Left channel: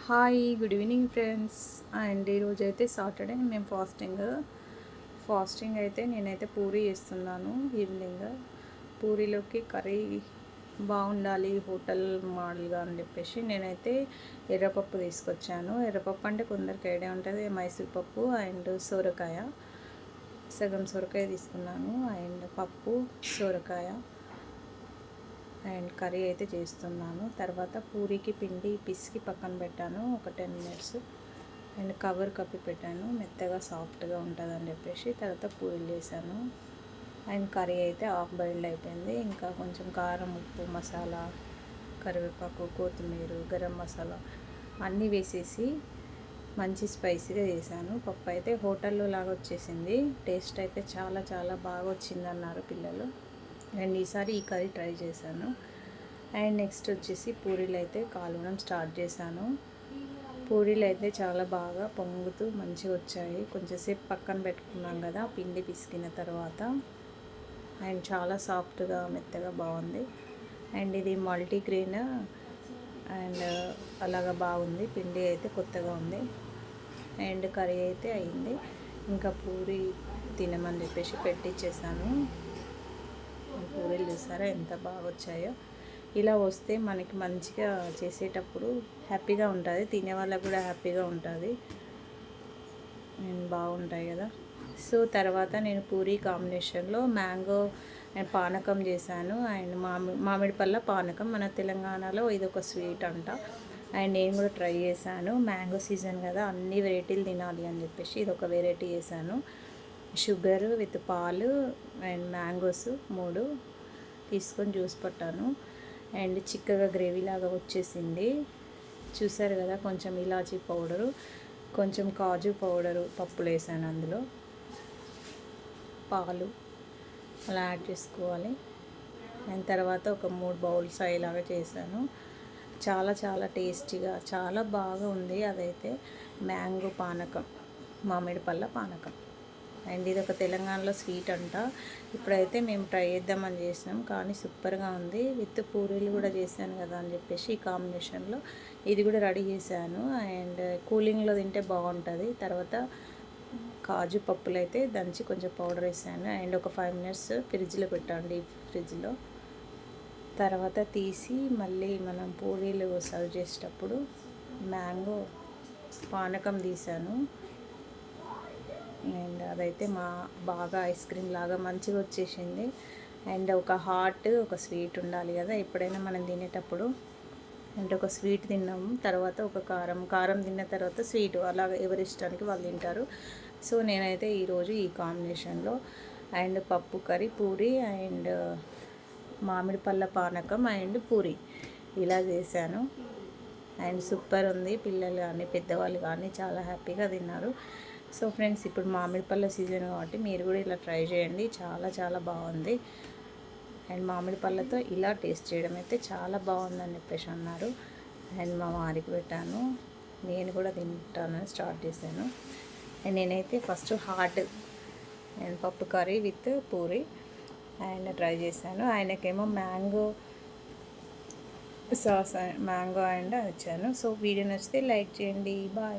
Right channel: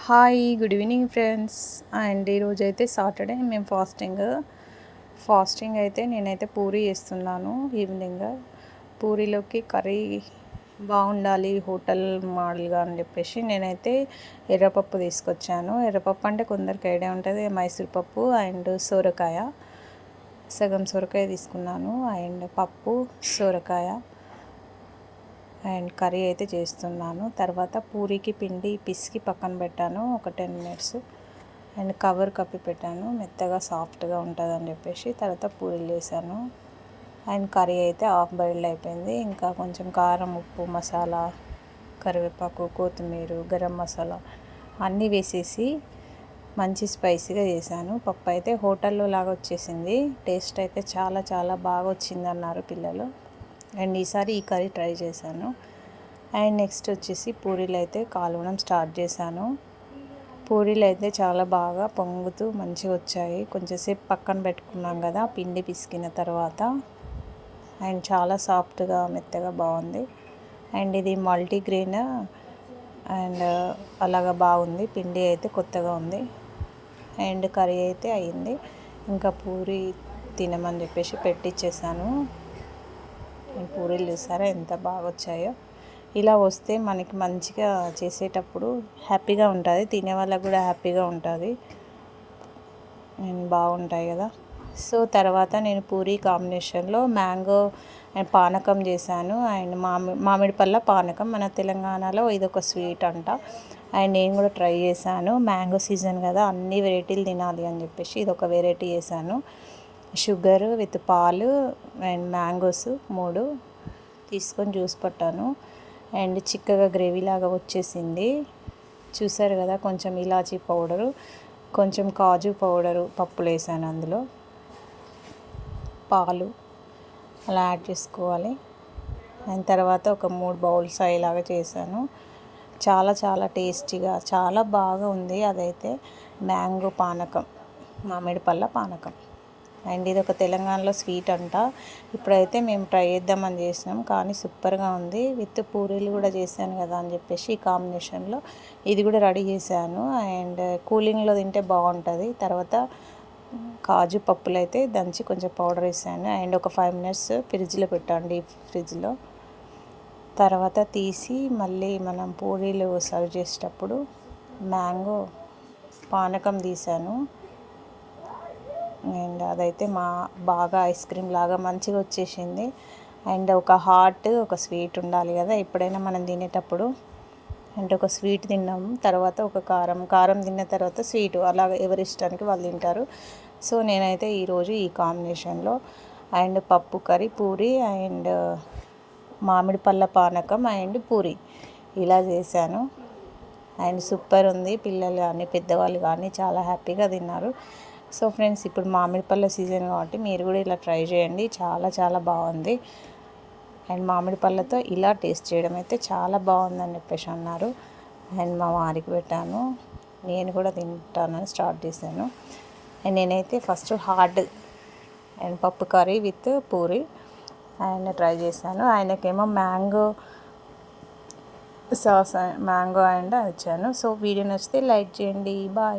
Hi good evening friends and ఈరోజు అయితే Saturday మేము ఫాస్టింగ్ ఫాస్టింగ్ అయితే నేనైతే పూరి చేస్తున్నాను ఈవినింగ్ పూరీలోకి కర్రీ బాగుండాలి హోటల్ మోడల్గా అని చెప్పేసి నేనైతే ఎర్రపప్పు తీసుకొచ్చాను. ఎర్రపప్పు అంటే కొందరికి ఐడియా ఉంటుంది మైసూర్ పప్పు అండ్ సోరకాయ. సగం సొరకాయ తీసుకున్నాను అండ్ పప్పు సొరకాయ. అండ్ కర్రీ అయితే చేస్తున్నాను. తర్వాత పూరికి పిండి పిసికి పక్కన పెట్టాను ఒక టెన్ మినిట్స్. అండ్ కవర్ కప్పి పెట్టాను మెత్తగా సాఫ్ట్గా ఉంటుంది అని చెప్పేసి తర్వాత పూరీలు చేశాను. అండ్ కర్రీ అయితే హాఫ్ బాయిల్డ్ అయిపోయింది. ఇంకా కొంచెం కారం ఉప్పు మసాలా కరివేపాకు కొత్తిమీర గరం మసాలా అన్నీ వేసేసి మంచి స్పైసీగా చేశాను. పప్పు అయితే హోటల్లో లాగా వచ్చేసింది. టేస్ట్ అయితే చాలా చాలా బాగా వచ్చింది అన్నారు పిల్లలు. అండ్ ఈసారి ఈ కర్రీ ట్రై చేశాను. అండ్ నెక్స్ట్ వచ్చేసి పూరీలు అయితే కాలవడం స్టార్ట్ చేశాను. పూరీలు అయితే చాలా బాగా పొంగుతూ మంచిగా వచ్చాయి. కొంచెంసేపు పక్కన పెట్టుకున్నాం కదా పిండి పిసికిన తర్వాత. అండ్ చాలా సాఫ్ట్గా మెత్తగా బాగుంది. అండ్ ఇది మల్టీగ్రెయిన్ అండ్ అలాగా బాగుంది. పిండి అయితే కొత్తగా ఉంది. అండ్ కర్రీ అయితే అయింది. ఇంకా పూరి తినమని చెప్పేసి పెట్టించేసాను పూరీలు చూసారా? ఎంత బాగా వచ్చాయో ఇలా వస్తే మనకి మంచిగా చేసేటప్పుడు హ్యాపీగా ఉంటుంది. తినే వాళ్ళకు కూడా హ్యాపీగా ఉంటుంది. అండ్ బాగుంటాయి కదా. సో తర్వాత నేను పూరి కాంబినేషన్లో మ్యాంగో అండ్ పానకం చేశాను. అండ్ మామి మామిడి పళ్ళ పానకం మన తెలంగాణలో ఇది ఒక స్వీట్ అంట. అండ్ నేను కూడా ట్రై చేశాను. మ్యాంగో సీజన్ కదా అన్ని వెరైటీలు తినాలి అని చెప్పేసి ఇది ఒక వెరైటీ చేశాను. షుగరు విత్ పాలు అండ్ మ్యాంగోస్ మూడు తీసుకొని జ్యూస్ పట్టాను. అండ్ చిక్కగా గ్రేవీ లాగా వచ్చేసింది. చూసారు కదా కొంచెం ఇలాచీ పౌడరు కొంచెం కాజు పౌడరు పప్పులు వేసాను అందులో. పాలు అలా యాడ్ చేసుకోవాలి. అండ్ తర్వాత ఒక మూడు బౌల్స్ అయ్యేలాగా చేశాను. చాలా చాలా టేస్టీగా చాలా బాగా ఉంది అదైతే మ్యాంగో పానకం మామిడి పళ్ళ పానకం. అండ్ ఇది ఒక తెలంగాణలో స్వీట్ అంట. ఇప్పుడైతే మేము ట్రై చేద్దామని చేసినాం. కానీ సూపర్గా ఉంది. విత్ పూరీలు కూడా చేశాను కదా అని చెప్పేసి ఈ కాంబినేషన్లో ఇది కూడా రెడీ చేశాను. అండ్ కూలింగ్లో తింటే బాగుంటుంది. తర్వాత కాజు పప్పులు అయితే దంచి కొంచెం పౌడర్ వేసాను. అండ్ ఒక ఫైవ్ మినిట్స్ ఫ్రిడ్జ్లో పెట్టాను డీప్ ఫ్రిడ్జ్లో. తర్వాత తీసి మళ్ళీ మనం పూరీలు సర్వ్ చేసేటప్పుడు మ్యాంగో పానకం తీసాను. అదైతే మా బాగా ఐస్ క్రీమ్ లాగా మంచిగా వచ్చేసింది. అండ్ ఒక హాట్ ఒక స్వీట్ ఉండాలి కదా ఎప్పుడైనా మనం తినేటప్పుడు. అంటే ఒక స్వీట్ తిన్నాము తర్వాత ఒక కారం కారం తిన్న తర్వాత స్వీట్ అలా ఎవరి ఇష్టానికి వాళ్ళు తింటారు. సో నేనైతే ఈరోజు ఈ కాంబినేషన్లో. అండ్ పప్పు కర్రీ పూరి అండ్ మామిడి పళ్ళ పానకం అండ్ పూరి ఇలా చేశాను. అండ్ సూపర్ ఉంది పిల్లలు కానీ పెద్దవాళ్ళు కానీ చాలా హ్యాపీగా తిన్నారు. సో ఫ్రెండ్స్ ఇప్పుడు మామిడి పళ్ళ సీజన్ కాబట్టి మీరు కూడా ఇలా ట్రై చేయండి. చాలా చాలా బాగుంది. అండ్ మామిడి పళ్ళతో ఇలా టేస్ట్ చేయడం అయితే చాలా బాగుందని చెప్పేసి అన్నారు అండ్ మా వారికి పెట్టాను. నేను కూడా తింటానని స్టార్ట్ చేశాను. అండ్ నేనైతే ఫస్ట్ హార్డ్ అండ్ పప్పు కర్రీ విత్ పూరి ఆయన ట్రై చేశాను. ఆయనకేమో మ్యాంగో సాస్ మ్యాంగో అండ్ ఇచ్చాను. సో వీడియో నచ్చితే లైక్ చేయండి. బాయ్.